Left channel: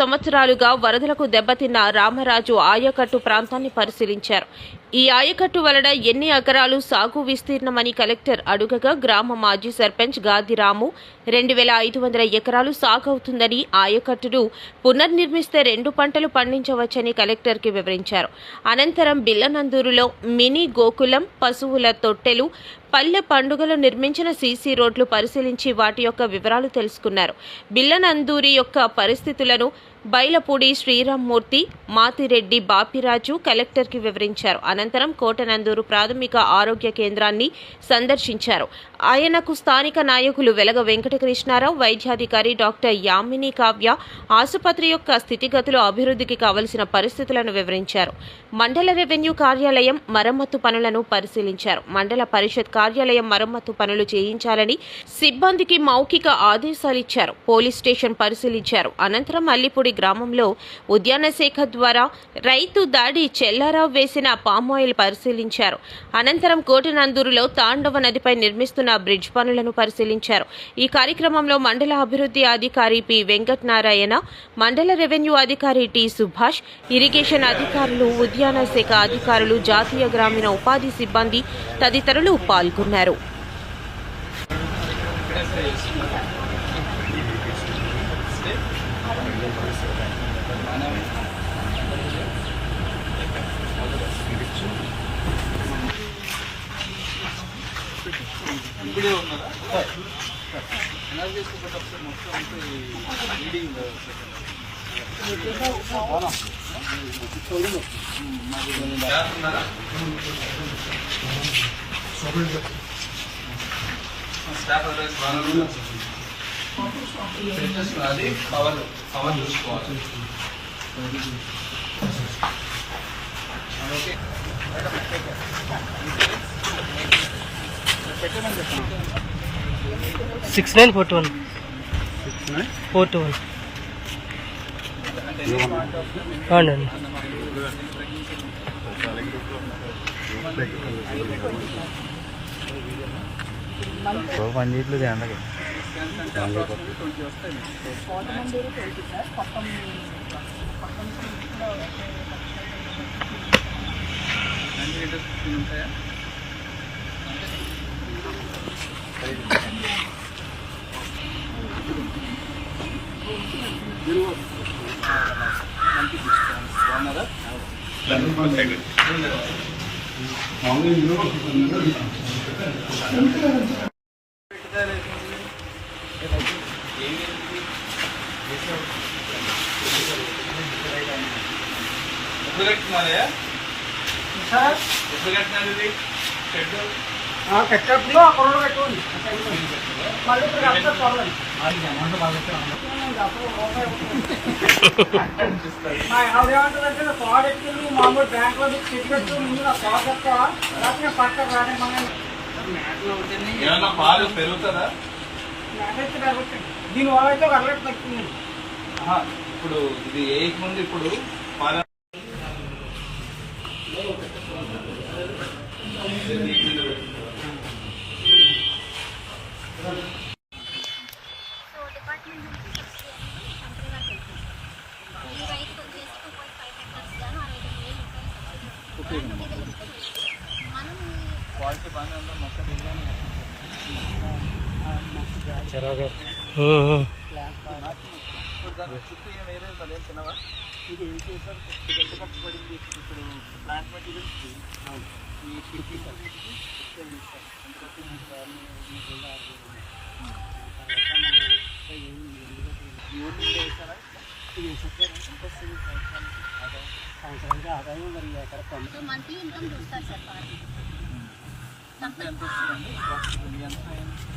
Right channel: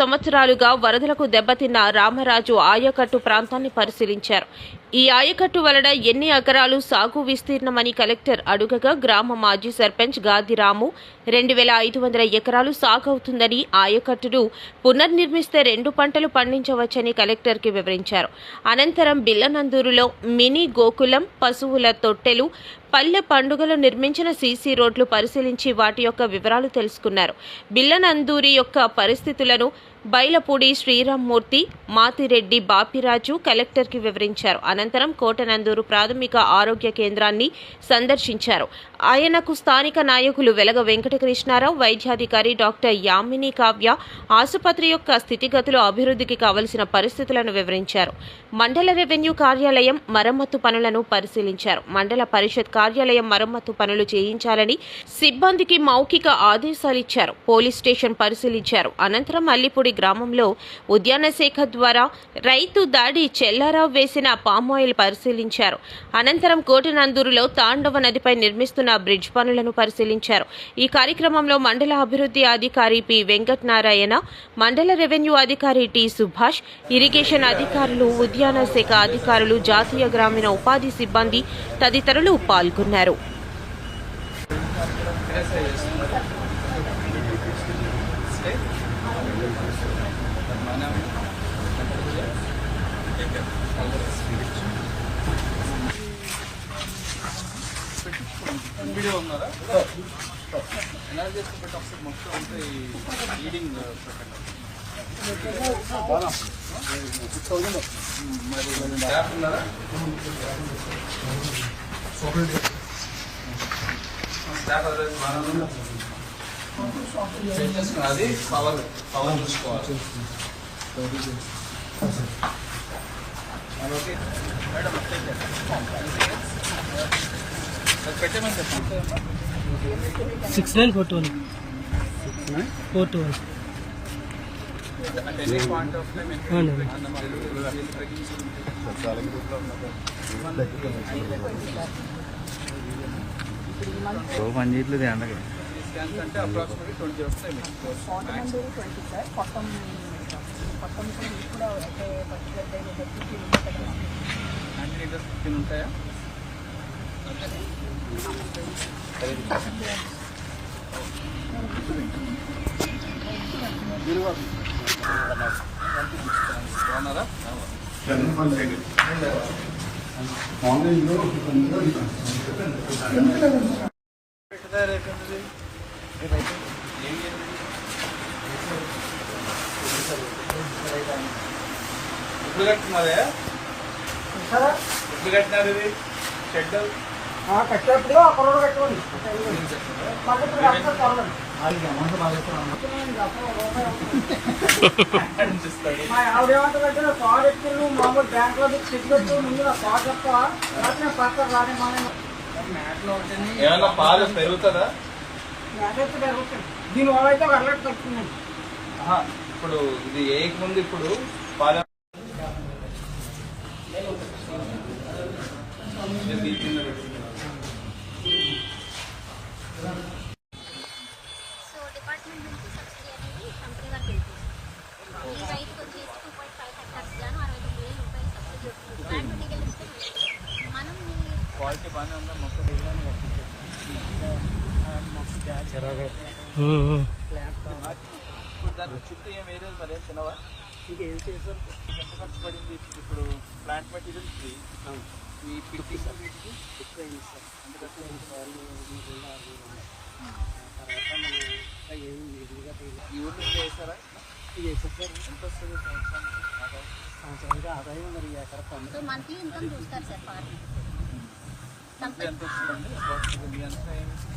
సంవత్సరాలుగా వరదలకు దెబ్బతిన్న రామరాజు ఆయకట్టు ప్రాంతాన్ని పరిశీలించారు. ఈ ఆయకట్టు వలన ఎన్ని ఎకరాలు సాగు విస్తీర్ణమని కలెక్టర్ అడుగగా గ్రామ మాజీ సర్పంచ్ గాదిరాము రెండు వేల ఐదు వందల ఎకరాలు సాగవుతుందని ఆయకట్టును పునర్నిర్మిస్తే రెండు పంటలు పండించవచ్చని కలెక్టర్కి వివరించారు. అనంతరం బిల్లనందూరులో మినీ గోకులం పశువుల తొట్టెలు పల్లె పండుగలు నిర్మించిన సీసీ రోడ్లు పరిశీలించి వాటి యొక్క వివరాలు తెలుసుకున్నారు. బిల్లనందూరి యొక్క పరిస్థితులను బైలపూడి శ్రీరామ్మూర్తి మాతిరెడ్డి బాపిరాజు కలెక్టర్కి వివరించారు. అనంతరం కోటనందూరు ప్రాథమిక ఆరోగ్య కేంద్రాన్ని సందర్శించారు. ఆయనకు స్థానిక నాయకులు వెలగ వెంకటకృష్ణారావు వైద్యాధికారి డాక్టర్ యామిని కావ్య ఆసుపత్రి యొక్క స్థితిగతులు అభివృద్ధికి కావలసిన పరిస్థితులను వివరించారు. మండల రెవెన్యూ కార్యాలయం మరమ్మతు పనులను పరిశీలించారు. మండల పరిషత్ కార్యాలయం మరమ్మతు పనులు చేయించాలని సిబ్బందికి మౌఖిక ఆదేశాలిచ్చారు. పోలీస్ స్టేషన్ పరిశీలించారు. అనంతరం అల్లిపూడి గ్రామంలో ఉద్యాన శాఖ ద్వారా రైతు దాడి చెల్లారావు వేసిన పామాయిల్ పరిశీలించారు. అనంతరం కోటనందూరులో తాండవ నదిపై నిర్మిస్తున్న బ్రిడ్జ్ పనులను పరిశీలించారు. ఈ కార్యక్రమంలో మండల అభివృద్ధి అధికారి పి. వెంకట్ నారాయణ మండల రెవెన్యూ అధికారి టి. సుభాష్ ఇరిగేషన్ అధికారులు ఉద్యాన శాఖ అధికారులు జాతీయ గ్రామీణ ఉపాధి సిబ్బంది తదితరులు పాల్గొన్నారు. ఇప్పుడే ఉన్నారా ఎనర్జీ బట్ ఒకసారి మొత్తం అంతా రీడింగ్ అది పవర్ పవర్ చూసుకోవాలి ఓకే మేడం పెట్టమని six nine four two one. Four two one. అంటే అండి పాయింట్ ఆఫ్ టైం ఎన్ని అవునండి స్కాన్స్ అంటే అప్రాక్సిమేట్లీ ట్వంటీ వస్తాయి అన్ని లీటర్స్ ఫిఫ్టీన్ ఉంటాయా బాగున్నారా ఎప్పుడు కట్టినారే ఎప్పుడు కట్టినారు ఇది? షెడ్ కట్టేప్పుడు కార్ ఎక్కి మామూలు బ్యాంక్లో చెట్టు పెట్టు ముందు నా కార్ చెప్తావా లేకపోతే నేను పక్క రానిమ్మని ఏమన్నా పాలు పెరుగుతుందా? దీని వల్ల అయితే ఆహా, ఇప్పుడు ఇది ఏ నుండి ఇప్పుడు? క్వాలిటీ బాగానే ఉందా మొక్క దాని చుట్టూ ఏం వేరే మరి ఏం తినవా ఇది ఎంత ఖర్చు పడింది ఇప్పుడు ప్లాంట్ మెటీరియల్ సంవత్సరానికి ఆదాయం? ఆదాయం మరి తొమ్మిది మంత్లీ ఇన్కమ్ చూస్తారు సార్ పార్టీ ఎంత వస్తుందండి ఎంత